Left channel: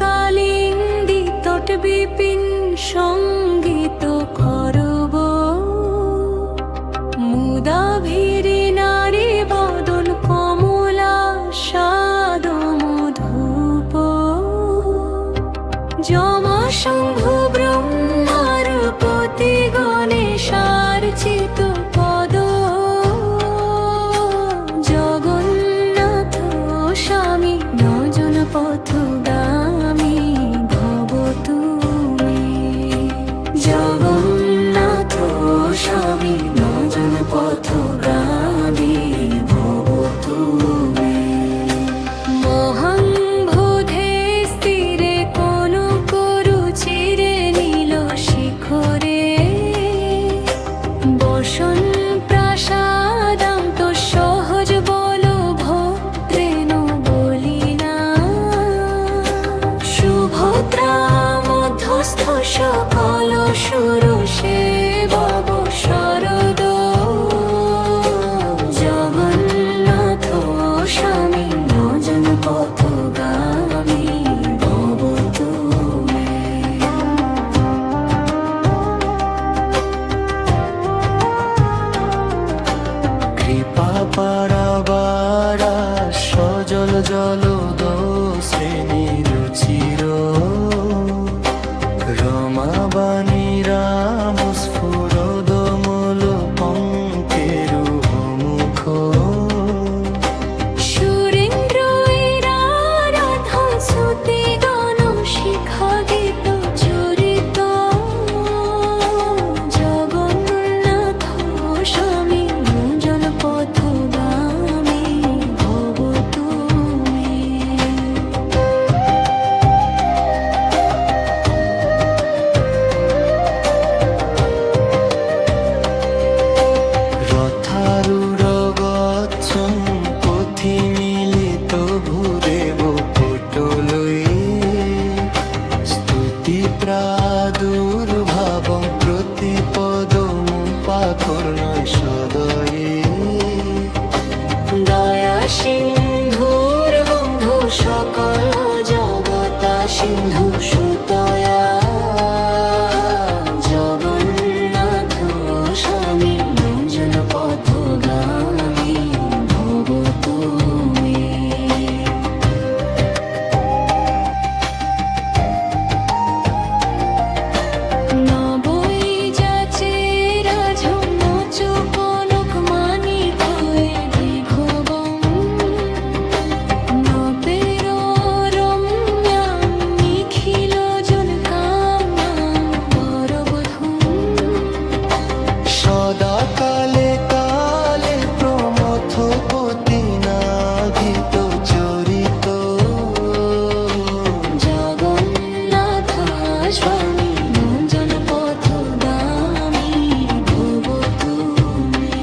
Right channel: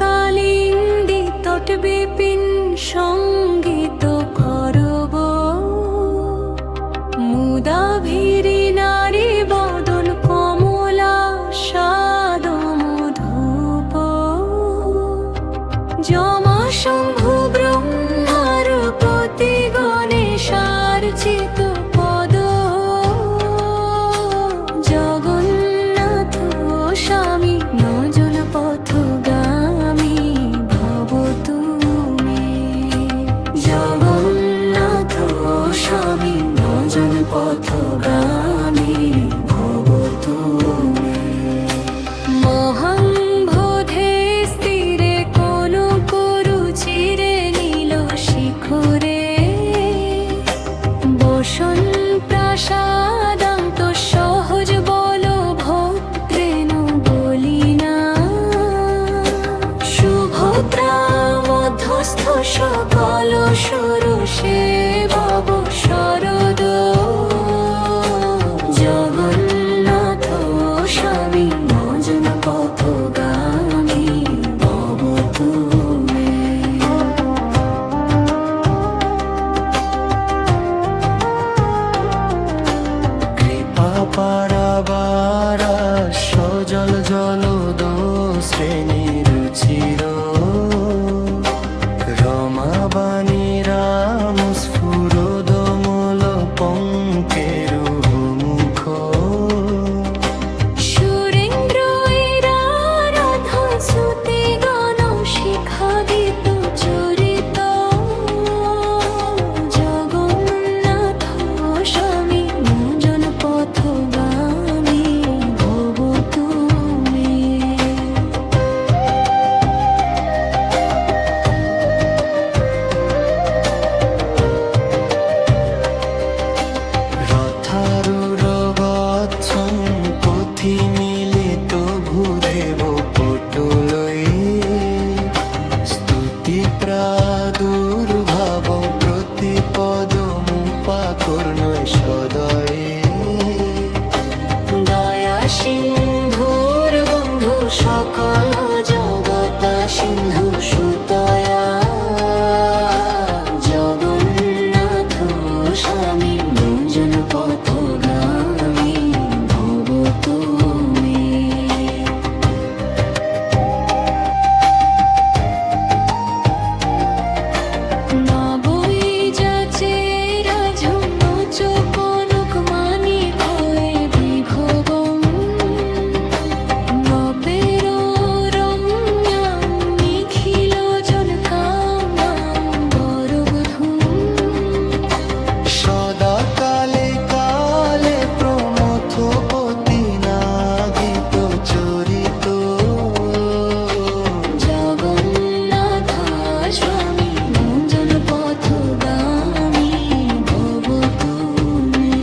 কালিন্দী তট বিপিন সঙ্গীত করব মুদা ভিরি নারী বদন কমলা সাদ মধুপ যমা শম্ভু ব্রহ্মার পতি গণেশার্চিত পদ জগন্নাথ স্বামী নজন পথগামী ভব তুমি জগন্নাথ স্বামী নজন পথগামী ভব তুমি মহাং বোধে স্থিরে কোন করু চিরে নীল শিখরে বসন প্রাসাদান্ত সহজ বল ভদ্রেন বলিনা সুভদ্রা মধ্যস্থ সকল সুরসে বব শরদ জগন্নাথ স্বামী নজন পথগামী ভব তুমি কৃপা পারাবারা সজল জলদ শ্রেণী রুচির রমাবাণী রাম স্ফুরদমল পঙ্কেরু মুখ সুরেন্দ্র রাধন সুতি গণ শিখা গীত চরিত জগন্নাথ স্বামী নজন পথগামী ভব তুমি রথারুর গচ্ছং পথি মিলিত ভূদেব পটলই স্তুতি প্রাদুর্ভাবং প্রতিপদমুপাকর্ণয় সদয়ে দয়া সিন্ধুর বন্ধু সকল জগতা সিন্ধু সুতয়া জগন্নাথ স্বামী নজন পথগামী ভব তুমি নবই যাচে রাজুন কনক মানি খয়ে বিভবং নপের রম্যাং নিখিল জন কাম্যাং বরবধূ সদা কালে কালে প্রমথপতি নাগিত চরিত জগন্নাথ স্বামী নজন পথগামী ভব তুমি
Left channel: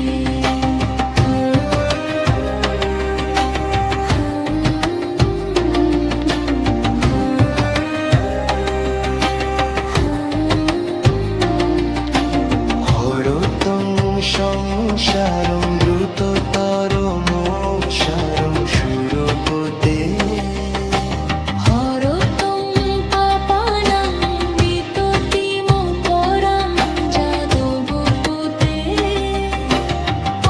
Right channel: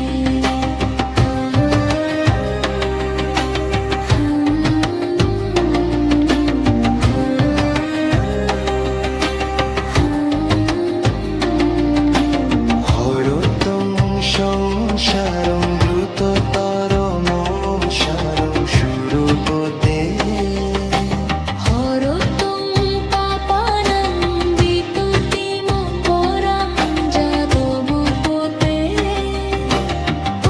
হরতং সংসারং দ্রুততরম সারং সুরপতে হরতং পাপানাং বিততিম পরাং যাদবপতে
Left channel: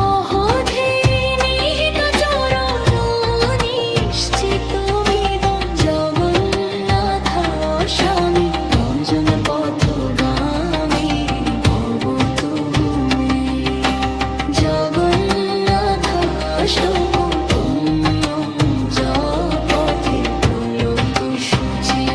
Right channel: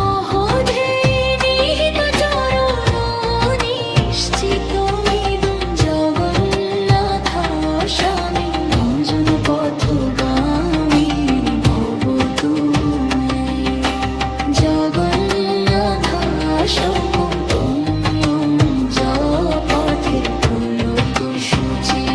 অহধে নিহিত চরণ নিশ্চিতমিদং জগন্নাথ স্বামী নজন পথগামী ভব তুমি জগন্নাথ শোকতুল্যং জপথে প্রলক শুচি